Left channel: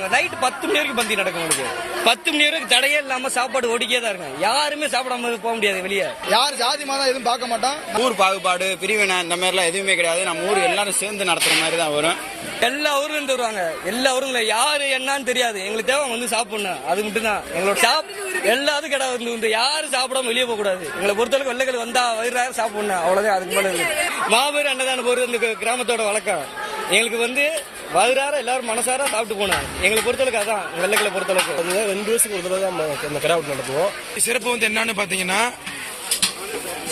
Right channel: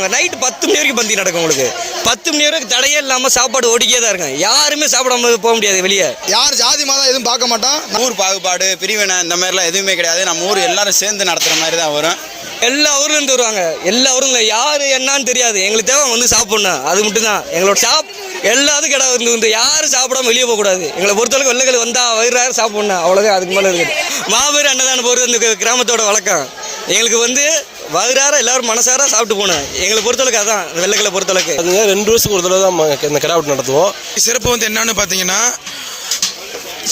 வந்துருவாங்க நைட்டு பத்து மணி வரைக்கும் பந்தி நடக்கும் உங்களுக்கு. பத்து மணி வரைக்கும் தடையே இல்லாமல் சாப்பாடு ஓடிக்கே தான் இருக்கும் யாருமே சாப்பிடாம போக முடியாது வெளியே. யார் ஜாதி மதம் எதுவும் பார்க்க மாட்டோம் ஊர் பாகுபாடு பிரிவினை இந்த மாதிரிலாம் எதுவுமே கிடையாது. நம்ம ஊர் எல்லாரும் சேர்ந்து நடத்துகிற மாதிரி தான் வரும். எல்லா ஊர்ல இருந்து வருவாங்க. எல்லா ஊரும் யாரு என்னன்னு தெரியாது. எங்களுக்கு தேவை வந்து சாப்பிடணும். அது மட்டும் தான் எங்களோட சாப் எல்லாத்துக்கும் இடம் இருந்து வந்து யாரும் சாப்பிடாம வெளியே போக கூடாது. எங்களை பொறுத்தளவுக்கு வெள்ளைகள் வந்தா வயிறாரு சாப்பிடணும். அவ்வளவுதான். அதுக்கு மேல இருக்குது. மாபெரும் அன்னதானம் போறது இந்த கிராமத்தோட வழக்கம். எங்களுக்கு வந்து வயிறார எல்லாரும் மனசார சாப்பிட்டு போகணும் எங்களை பொறுத்தளவுக்கு அதான் வெள்ளைகளை பொறுத்தளவுக்கு. அது ரெண்டு வருஷத்துக்கு ஒரு தடவை தான் இந்த கிடா வெட்டு நடத்துவோம். சிறப்பு வந்து என்னன்னு பார்த்தீங்கன்னா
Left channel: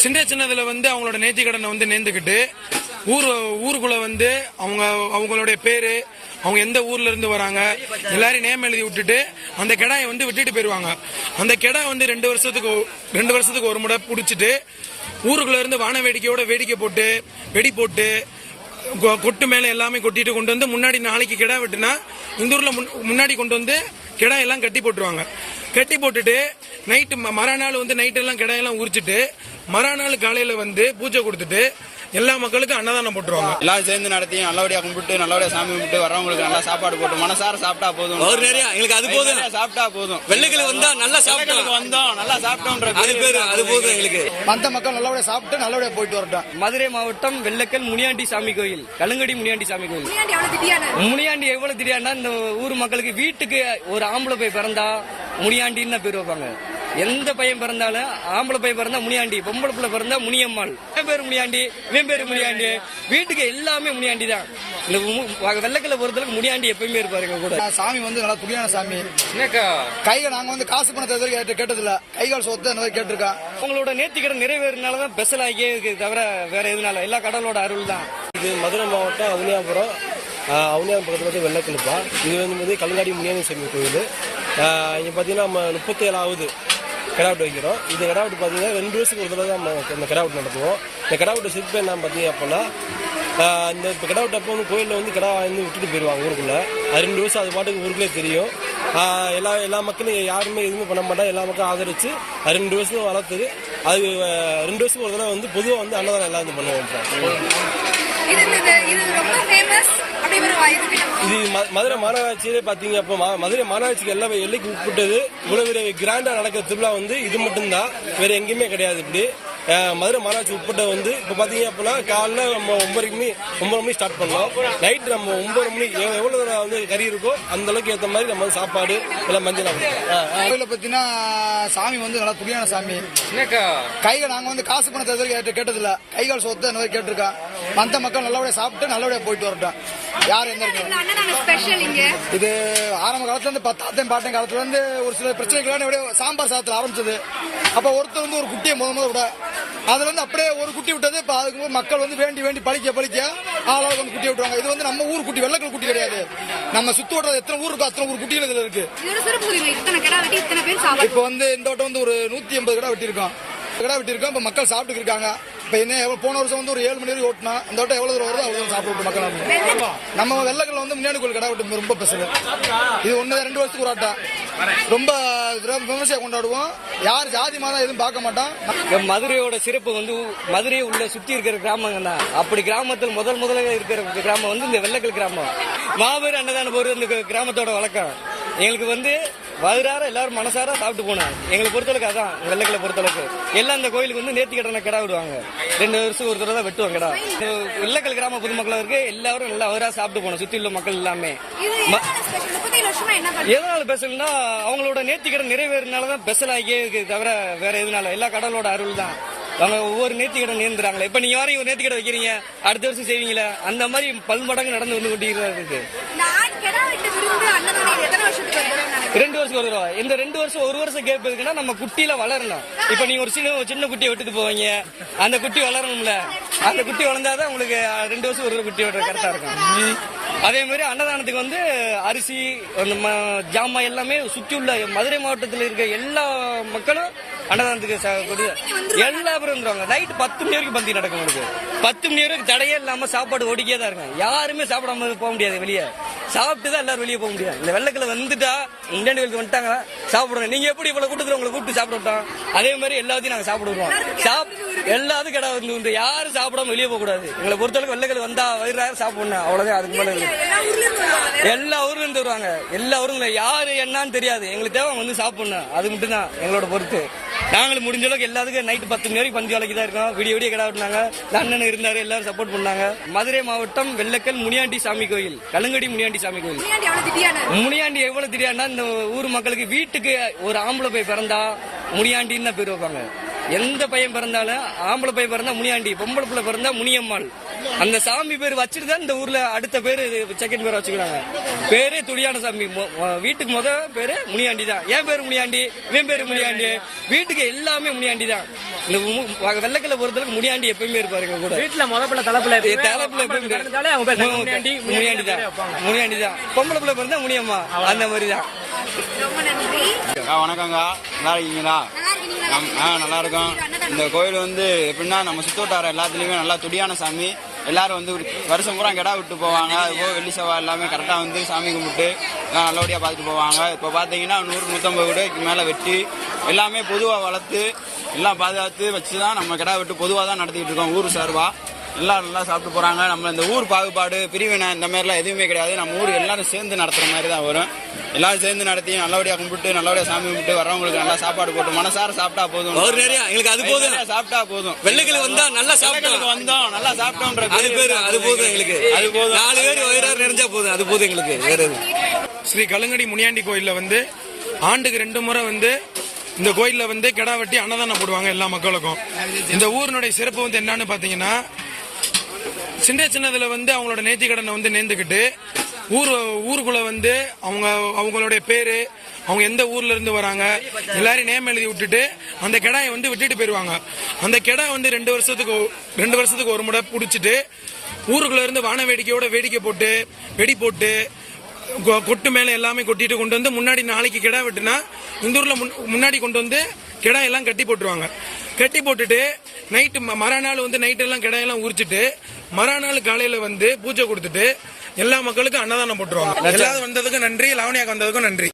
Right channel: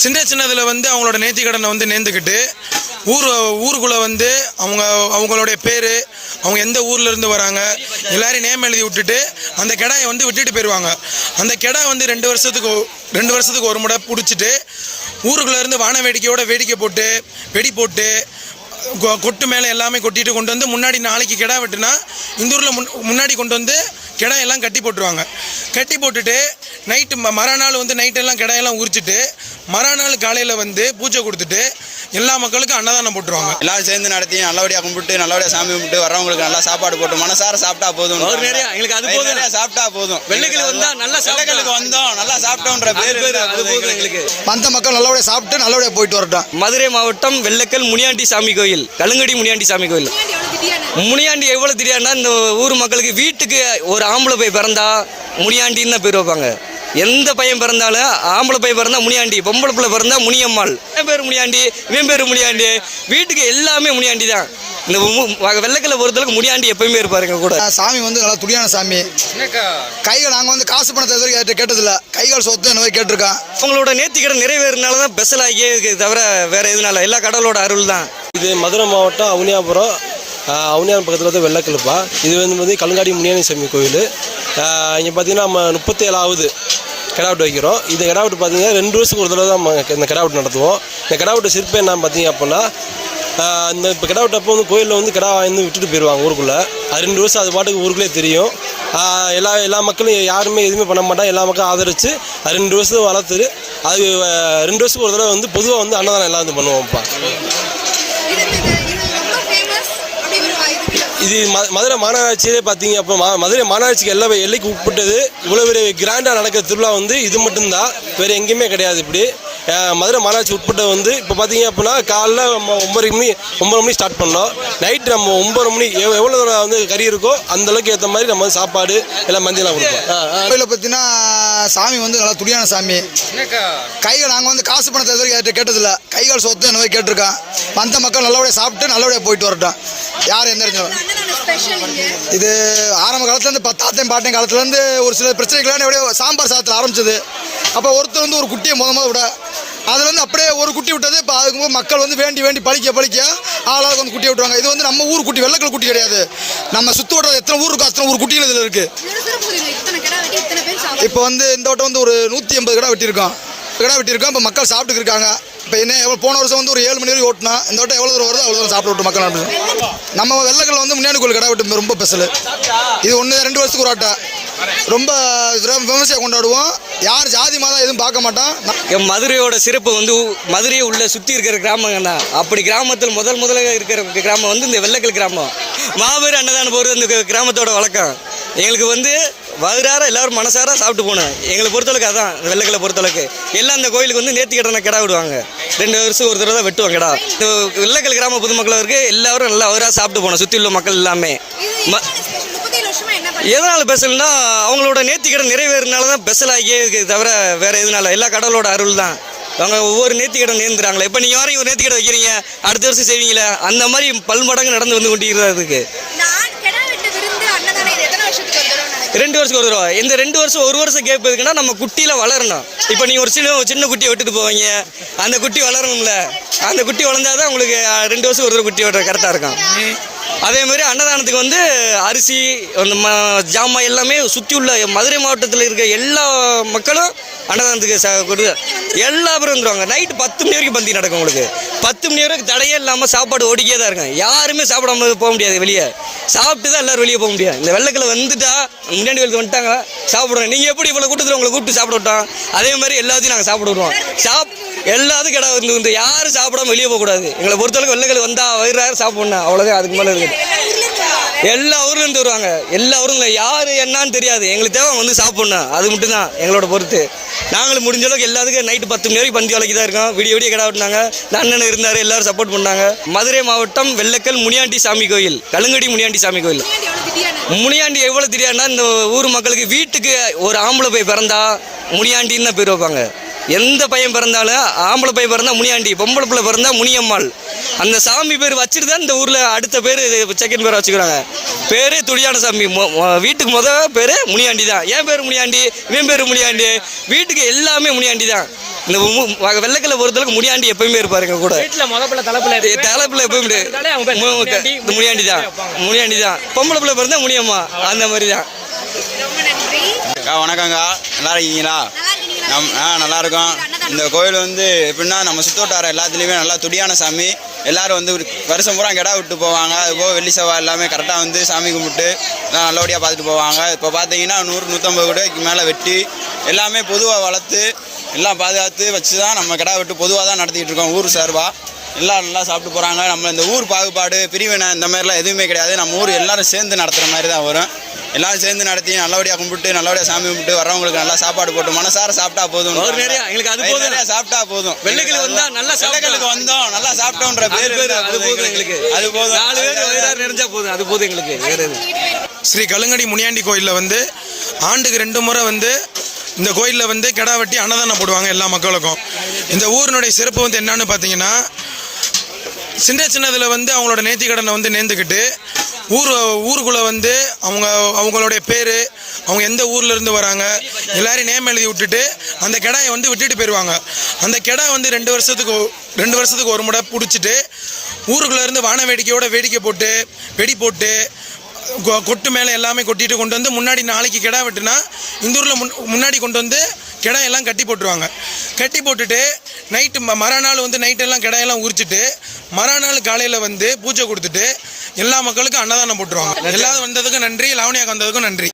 சின்ன சின்னதில் வந்து அவங்களோட நேர்த்தி கடனை வந்து நேர்ந்துக்கிட்டு ஊர் ஊருக்குள்ளே வந்து அவங்க அவங்களுடைய பேர் அவங்க எந்த ஊர்ல இருந்து வராங்க எல்லாரையும் நேம் எழுதி விட்டுட்டு அந்த கிடாயை வந்து விட்டுட்டு போயிடுவாங்க அந்த கிடா வந்து ரெண்டு வருஷத்துக்கு ரெண்டு வருஷத்துக்கு ஒரு முறை பிடிச்சிட்டு ஊருக்குள்ளே இருந்து வான வேடிக்கையோட வேடிக்கை போட்டு வெடி போட்டு கொட்டு மேலே எல்லாமே கொட்டிட்டு கொண்டு வந்து முன்னாடி நாளைக்கு கிடா வெட்டுனா இந்த ஊரில் முன் முன்னாடி கொண்டு வந்து கிடா எல்லாம் கட்டி போட்டுருவாங்க. கட்டி போட்டுட்டு நைட்டு மறுநாள் வந்து நைட்டெல்லாம் கிடாயெல்லாம் உரிச்சிட்டு மறுநாள் காலையில் வந்து பூஜை கொடுத்துட்டு எல்லா மக்களுக்கும் அன்னதானம் போட்டுருவாங்க. எல்லாரும் சேர்ந்து நடத்தி நல்லபடியாக கும்பிட்டு நல்லபடியாக சாமி கும்பிட்டு வரவங்களுக்கு நல்லா சாப்பாடு போட்டு மனசார சாப்பிட்டா போதும். அவர் நிறைய, எங்களுக்கு அது போதும். சாப்பிட்டா போதும். வெள்ளைக்கிழமை வந்தா நல்லா சாப்பிட்டா. வெள்ளைக்கிழமை வந்தோம் நல்லா சாப்பிட்டோன்ற பேர் பேரு அது போதும் எங்களுக்கு. வந்த மக்கள் நல்லபடியாக சாப்பிட்டு நல்லபடியாக போயிட்டு வரட்டும். மதுரை மாவட்டம் வெள்ளக்கல் முனியாண்டி சாமி கோயில் கழுங்கடி முனியாண்டி சாமி கோயில். முனியாண்டி எவ்வளவு தெரியாதுன்னா இந்த ஊர் மக்களுக்கு வீட்டுக்கு ஒரு ஆம்பளை போய் பிறந்தா முனியாண்டின்னு தான் பேர் வைப்பாங்க. எந்த பையன் பிறந்தாலும் ஆம்பளை பையன் பிறந்தா முனியாண்டி பொம்பளை பிள்ளை பிறந்தா முனியம்மாள். என் பேர் முனியாண்டி இவன் பேர் முனியாண்டி. வீட்டுக்கு எல்லாமே முனியாண்டி தான். இந்த வெள்ளக்கல்ல பொறுத்தளவுக்கு முனியாண்டி எப்பயுமே இருப்பாருங்க கூட. சாமி வந்து நல்லா துடியான சாமி. கைகள் நாங்கள் வந்து காசு பணத்தை இது வரைக்கும் யார்கிட்ட கேட்டதில்ல. கைகள் சொத்து அந்த மாதிரி கேட்டிருக்கோம் அவங்களோட நேர்த்திக்கடன் நிறைவேறினால தான் பெசல் ஆகியே தவிர வேற எதுனால. எல்லா கடவுளோட அருள் தான். இது மதுரை மாவட்டம் அவனியாபுரம். ஆஹ், அவனியாபுரம் பக்கத்தில் வந்து வெள்ளக்கிழப்பா. இது வந்து வந்து கல்லுங்காடி முனியாணி சாமி கோயில். இங்கே பார்த்தீங்கன்னா நம்ம முப்பத்தேழாவது கிடாவிட்டு வைக்கிறோம். இந்த கிடாவட்டு பார்த்தீங்கன்னா ரெண்டு வருஷத்துக்கு ஒரு தடவை தான் இந்த கிடாவிட்டு நடத்துவோம். இந்த கிடாவிட்டு சிற்பம் என்ன பார்த்தீங்க அப்படின்னா இந்த இப்போ கிடாவட்டு அப்போ வந்து கோயிலில் வந்து கிடா வந்து விட்டுட்டு போயிடுவாங்க ஊருக்குள்ளே. அது ரெண்டு வருஷம் அது பாட்டுக்கு ஊருக்குள்ளே தெரியும். எல்லா எல்லா மக்களும் யாருமே எதுவுமே பண்ண மாட்டாங்க. எல்லா மக்களும் ஆதரித்து அது ரெண்டு வருஷத்துக்கு வளர்த்துரு அது ரெண்டு வருஷத்துக்கு ஒரு தடவை வந்து பொதுவாக வந்து அன்னதானம் எல்லாம் வந்து பண்ணுவோம்ப்பா. இது மதுரை மாநகராட்சியிலே பார்த்தீங்க அப்போ மா- மதுரை மாநகராட்சிக்கு எல்லா எல்லைக்கு உட்பட்டது இவ்வளோ பெரிய கிராண்டாக நடக்கிற திருவிழா வந்து இது மட்டும்தான். வேறு எங்கேயுமே கிடையாது இப்படி. மதுரை மாநகராட்சி உட்பட்ட வந்து இப்போ பார்த்தீங்க அப்படின்னா காலைல நம்ம ஒம்பது மணி ஒம்பது மணி ஸ்டார்ட் பண்ணோம். நைட் நம்ம ஒம்பது மணி எவ் எவ்வளோ தூரம் வந்து கறி இருக்கோ அந்த அளவுக்கு ஏற்ற மாதிரி நம்ம வந்து சாப்பாடு எல்லாம் மஞ்சளாக கொடுப்போம். கோயிலை பார்த்தீங்கன்னா சாமி வந்து நல்லா துடியான சாமி. கைகள் நாங்கள் வந்து காசு பணத்தை வரைக்கும் யார்கிட்ட கேட்டதில்ல. கைகள் சொத்து அந்த மாதிரி கேட்டிருக்கோம் வந்த மக்கள் நல்லபடியாக சாப்பிட்டு நல்லபடியாக போயிட்டு வரட்டும். யார் எந்த இது ஆரம்ப காலத்துலேருந்து பத்தாத்தையும் பாட்டையும் காலத்துலேருந்து ஒரு சில பிரச்சனைகள்லாம் எப்படியோ சாம்பார் சாதத்தில் ஆரம்பிச்சது. அப்போ ஒருத்தர் வந்து ஒரு குட்டியை முத முத விட அதுலேருந்து அப்படியே ஒரு குட்டி விட்டது. இப்போ அதுக்கு மக்கள் வந்து வேண்டி வேண்டி பழிக்க பழிக்க ஆளாளுக்கு வந்து குட்டி விட்டுருவாங்க இது வந்து நம்ம ஊர் குட்டி வெள்ளக்கல் குட்டி கிடையாது. நம்ம சுற்று வட்டம் எத்தனை ஊர் இருக்கோ அத்தனை ஊர் குட்டிகள் இதில் இருக்குது இப்போ வந்து இந்த வட்டம் வந்து ஒரு நூற்றி எண்பது கடை வெட்டியிருக்கோம். கடை வெட்டியிருக்கோம். இப்போ மக்கள் சாப்பிட்டு இருக்காங்க. இப்போ என்ன எவ்வளோ போன வருஷம் வந்து ஒரு ஏழு மணி வரைக்கும் ஓட்டினா இந்த வட்டம் எவ்வளோ தூரம் வருதோ அவ்வளோ தூரம் சாப்பிட்டு விட்டு மக்கள் நம்ம வெள்ளக்கல்ல வந்து முன்னாடி கோயில் கடை வெட்டு ரொம்ப ஸ்பெஷல் இது ஒன்று ரெண்டு வருஷத்துக்கு ஒரு ஆட்டை ரொம்ப விமர்சையாக கொண்டாடுவோம். யார் ஜாதி மதம் எதுவும் பார்க்க மாட்டோம் என் மதுரையோட சிறப்பு வந்து மதுரையை உள்ள சுற்றி இருக்கிற கிராமங்க தான் அப்படி கிராமத்தில் முதல் முதல்ல இருக்கிற கிராமம் வந்து இந்த வெள்ளக்கல் கிராமம். மாபெரும் அன்னதானம் போகிறது இந்த கிராமத்தோட வழக்கம். எங்களுக்கு வந்து வயிறார எல்லாரும் மனசார சாப்பிட்டு போகணும். எங்களை பொறுத்தளவுக்கு அதான் வெள்ளக்கலை பொறுத்தளவுக்கு. எல்லாம் இந்த கோயிலுக்கு வந்து நேர்த்தி கடனை கிடா விடுவாங்க. ரெண்டு வருஷம் ஒரு தடவை தான் வெட்டுவாங்க கிடா. இந்த வெள்ளக்கல் கிராம பொதுமக்கள் இருக்கு எல்லாரும் நல்லா வயிறார சாப்பிட்டு போகணும் சுற்றி உள்ள மக்கள் எல்லாமே. எதனால பெசல்னா அவங்களோட நேர்த்திக்கடன் நிறைவேறினால தான் பெசல் ஆகியே தவிர வேற எதுனால. எல்லா கடவுளோட அருள் தான். அவங்க ஒவ்வொரு நேர்த்திக்கடன் நேர்ந்துறாங்களே. இப்போ நீங்கள் யாரையும் ஒரு நேர்த்திக்கடன் வைக்கிறீங்க? அடுத்த வருஷம் செய்வீங்களே? அந்த மாதிரி பல்மடங்கு நடந்து வந்து கொண்டிருக்கிறதா இருக்கு இந்த ஆண் கிடா வெட்டு விருந்து அன்னதானம் இது எத்தனை வருஷத்துக்கு ஒரு தடவை நடக்குது? ரெண்டு வருஷம் ஒரு தடவை. இந்த ரெண்டு வருஷம் ஒரு வருஷம் கேப் எதுக்குன்னா நம்ம குட்டியில வளரணும். இப்போ நீங்க ஒரு சின்ன சின்ன குட்டியை விட்டுட்டு போவீங்க. அந்த குட்டி வளரணும்ல. அந்த குட்டி வளர்ந்தாதான் உங்களுக்கு ரெண்டு வருஷம் ஒரு தடவை குட்டி விடுற கரெக்டாக இருக்கும். அதே மாதிரி அன்னதானத்துக்கு வந்து அரிசி அந்த ம- ஜாமான் எல்லாமே சுற்றி உள்ள மதுரை மாவட்டத்தில் இருக்க எல்லா மக்களும் அன்னதானத்துக்கு ச கொடு எல்லா பேரும் வந்துருவாங்க. நைட்டு பத்து மணி வரைக்கும் பந்தி நடக்கும் உங்களுக்கு பத்து மணி வரைக்கும் தடையே இல்லாமல் சாப்பாடு ஓடிக்கே தான் இருக்கும் யாருமே சாப்பிடாம போக முடியாது வெளியே. சாப்பிட்டு தான் எல்லோரும் வெளியே போக முடியாது இந்த வெள்ளக்கில் வந்துட்டா முன்னாடி வெள்ளத்தில் வந்துட்டாங்க சாப்பிடுவோம் நீங்கள் எப்படி இவ்வளோ கூட்டத்தில் உங்களை கூப்பிட்டு சாப்பிட விட்டோம்? அதே மாதிரி எல்லாத்தையும் நாங்கள் சாப்பிட விடுவோம். சாப் எல்லாத்துக்கும் கிடா வந்து யாரும் சாப்பிடாம வெளியே போகக்கூடாது. எங்களை பொறுத்தளவுக்கு வெள்ளைகள் வந்தால் வயிறாரு சாப்பிட்ணும். அவ்வளோதான் அதுக்கு மேலே எல்லா எல்லா ஊர்ல இருந்து வருவாங்க. எல்லா ஊருங்க. யாரு என்னன்னு தெரியாது. எங்களுக்கு தேவை வந்து சாப்பிடணும். அது மட்டும் தான் எங்களோட பொறுத்து. நாங்களும் முடிஞ்ச அளவுக்கு எல்லாத்துக்கும் நைட்டு பத்து மணி வரைக்கும் பந்தி வேலைக்கு தான் இருக்கோம். விடிய விடிய கடை விட்டாங்க அண்ணன் இருந்தாரு. எல்லாரும் சப்போர்ட் பண்ணாங்க. மதுரை மாவட்டம் வெள்ளக்கல் முனியாண்டி சாமி கோயில். கழுங்கடி முனியாண்டி சாமி கோயில். முனியாண்டி எவ்வளோ தெரியாதுன்னா இந்த ஊர் மக்களுக்கு வீட்டுக்கு ஒரு ஆம்பளை போய் பிறந்தா முனியாண்டின்னு தான் பேர் வைப்பாங்க. எந்த பையன் பிறந்தாலும் ஆம்பளை பையன் பிறந்தா முனியாண்டி பொம்பளை பிள்ளை பிறந்தா முனியம்மாள். அந்த சாமி பேர் வச்சுட்டு தான் இந்த ஊரில் அடுத்த பேர் செகண்ட் பேர் வச்சுக்கிறாங்க. பேரே துடியான சாமி. வீட்டுக்கு முத பேர் முனியாண்டி தான். ஏன் பேர் முனியாண்டி இவன் பேர் முனியாண்டி. வீட்டுக்கு எல்லாமே முனியாண்டி தான். இந்த மு- வெள்ளைக்கல்ல பொறுத்தளவுக்கு முனியாண்டி எப்பயுமே இருப்பாருங்க கூட. தலைப்பில் எப்பயும் முனியாண்டி, முனியாண்டி தான். முனியாண்டி தான். பொம்பளை பிள்ளை பிறந்தா முனியம்மா. அந்த மாதிரி தான். வணக்கங்க நல்லா இருக்கீங்களா? நல்லா இருக்கீங்களா? நம் ஆ நல்லா இருக்கோம். இந்த கோயில் வந்து எப்படின்னா நம்ம சுத்தோட்டார எல்லாத்துலேயுமே நல்லா துடியான சாமி. எல்லாரும் வந்து வருஷம் பூரா கிடா விட்டு போவாங்க. அது போக வெள்ளி செவ்வாய் எல்லாமே கரெக்டாக வந்து சாமி கும்பிட்டு நல்லபடியாக பார்த்துட்டு போவாங்க. இப்போ பார்த்தீங்கன்னா நூறு நூற்றம்பது கூடக்கு மேலே வெட்டி எல்லாமே பொதுவாக வளர்த்து எல்லாம் பாதுகாத்து வச்சு தான் நம்ம கிடா விட்டு பொதுவாக தான் நடத்திட்டு இருக்கோம் ஊர் சார்பாக எல்லாம் நல்லா சாப்பிட்டு போகிறாங்க நம்ம இந்த ஊர் பாகுபாடு பிரிவினை இந்த மாதிரிலாம் எதுவுமே கிடையாது. நம்ம ஊர் எல்லாரும் சேர்ந்து நடத்துகிற மாதிரி தான் வரும். எல்லாரும் சேர்ந்து நடத்தி நல்லபடியாக கும்பிட்டு நல்லபடியாக சாமி கும்பிட்டு வரவங்களுக்கு நல்லா சாப்பாடு போட்டு மனசார சாப்பிட்டா போதும். அவர் நிறைய, எங்களுக்கு அது போதும். நிறைய சாப்பிட்டா போதும். வெள்ளைக்கிழமை வந்தா நல்லா. வெள்ளைக்கிழமைக்கு வந்தோம் நல்லா சாப்பிட்டோன்ற அது பேர் பேர் அது போதும் எங்களுக்கு. அது போதும். நாலு பேர் வயிறாறு நிறைஞ்சா போதும். அது போதும் எங்களுக்கு. வேற ஸ்ரீ கலுங்கடி முனியாண்டி கோயிலில் வந்து ஆண்டுக்கு ரெண்டு முறை வந்து இந்த கோயிலில் வந்து கிடா வெட்டி அன்னதானம் போடுவாங்க எல்லா மக்களுக்கும். இந்த ஊரினுடைய சிறப்பு வந்து என்னன்னு பார்த்தீங்கன்னா சின்ன சின்னதில் வந்து அவங்களோட நேர்த்திக்கடனை வந்து நேர்ந்துக்கிட்டு ஊர் ஊருக்குள்ளே வந்து அவங்க அவங்களுடைய பேர் அவங்க எந்த ஊர்லேருந்து வராங்க எல்லாரையும் நேம் எழுதி விட்டுட்டு அந்த கிடாயை வந்து விட்டுட்டு போயிடுவாங்க அந்த கிடா வந்து ரெண்டு வருஷத்துக்கு ரெண்டு வருஷத்துக்கு ஒரு முறை பிடிச்சிட்டு ஊருக்குள்ளேருந்து வான வேடிக்கையோட வேடிக்கை போட்டு வெடி போட்டு கொ- கொட்டு மேலே எல்லாமே கொட்டிட்டு கொண்டு வந்து முன்னாடி நாளைக்கு கிடா வெட்டுனா இந்த ஊரில் முன் முன்னாடி கொண்டு வந்து கிடா எல்லாம் கட்டி போட்டுருவாங்க. கட்டி போட்டுட்டு நைட்டு ம மறுநாள் வந்து நைட்டெல்லாம் கிடாயெல்லாம் உரிச்சிட்டு மறுநாள் காலையில் வந்து பூஜை கொடுத்துட்டு எல்லா மக்களுக்கும் அன்னதானம் போட்டுருவாங்க. எல்லாரும் வந்ததுக்கும் நன்றி லாவணியாக்கு வந்ததுக்கும் நன்றி.